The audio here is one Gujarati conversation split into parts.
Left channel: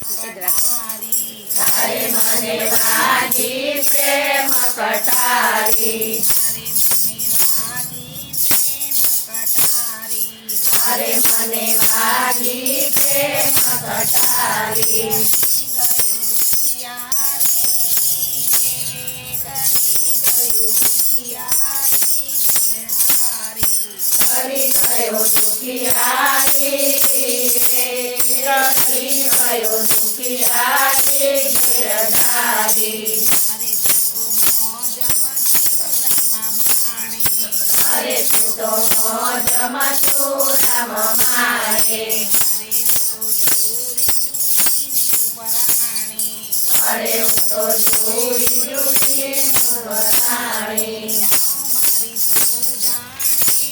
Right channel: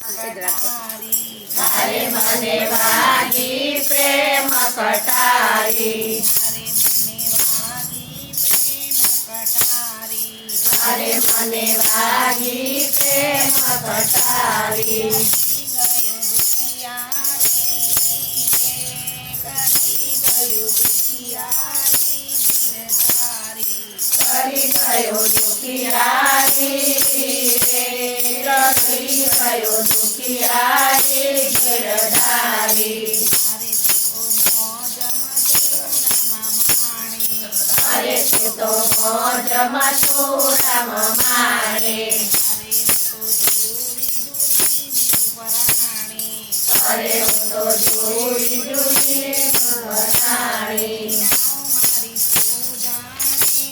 તારે મને વાગી પ્રેમ કટારી, તારે મને વાગી પ્રેમ કટારી, કરી ગયો દુખિયારી, કરી ગયો દુખિયારી ગિરધારી, અરે તું તો મોજમાં છું રામ માણે, અરે હું તો જોડી જોડી વરાણી, મારી તું જાણે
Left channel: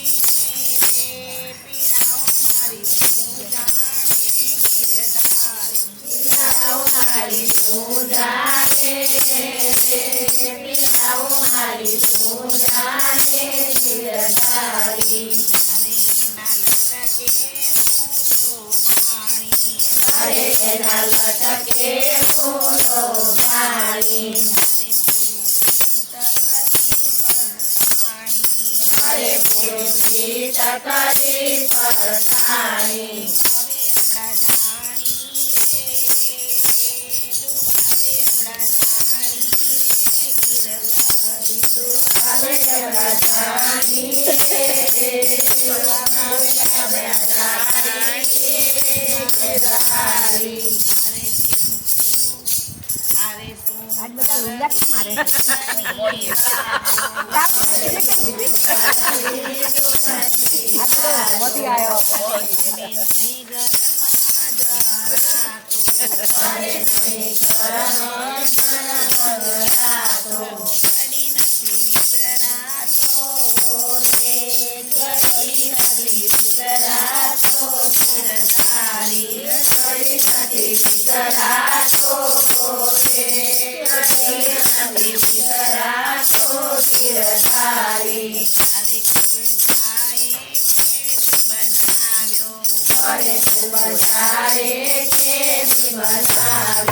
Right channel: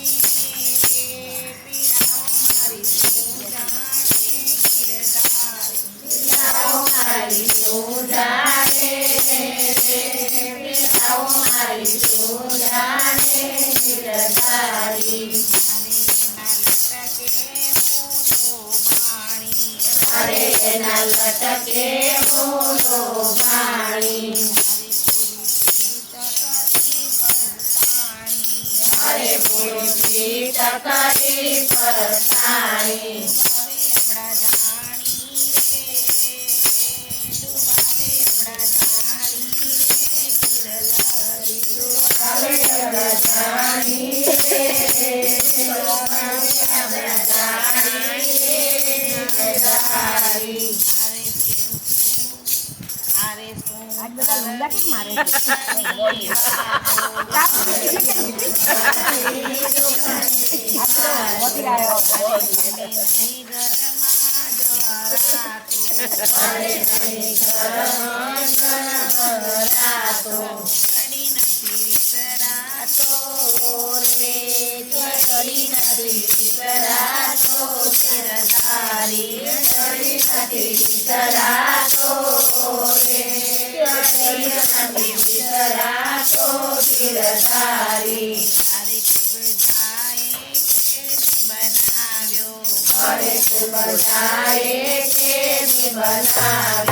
પીડાઓ મારી તું જાણે ગિરધારી, અરે એના લટકે મોલો ભાણી, અરે પૂરી ટકરી ફસાણી, બનાવ્યો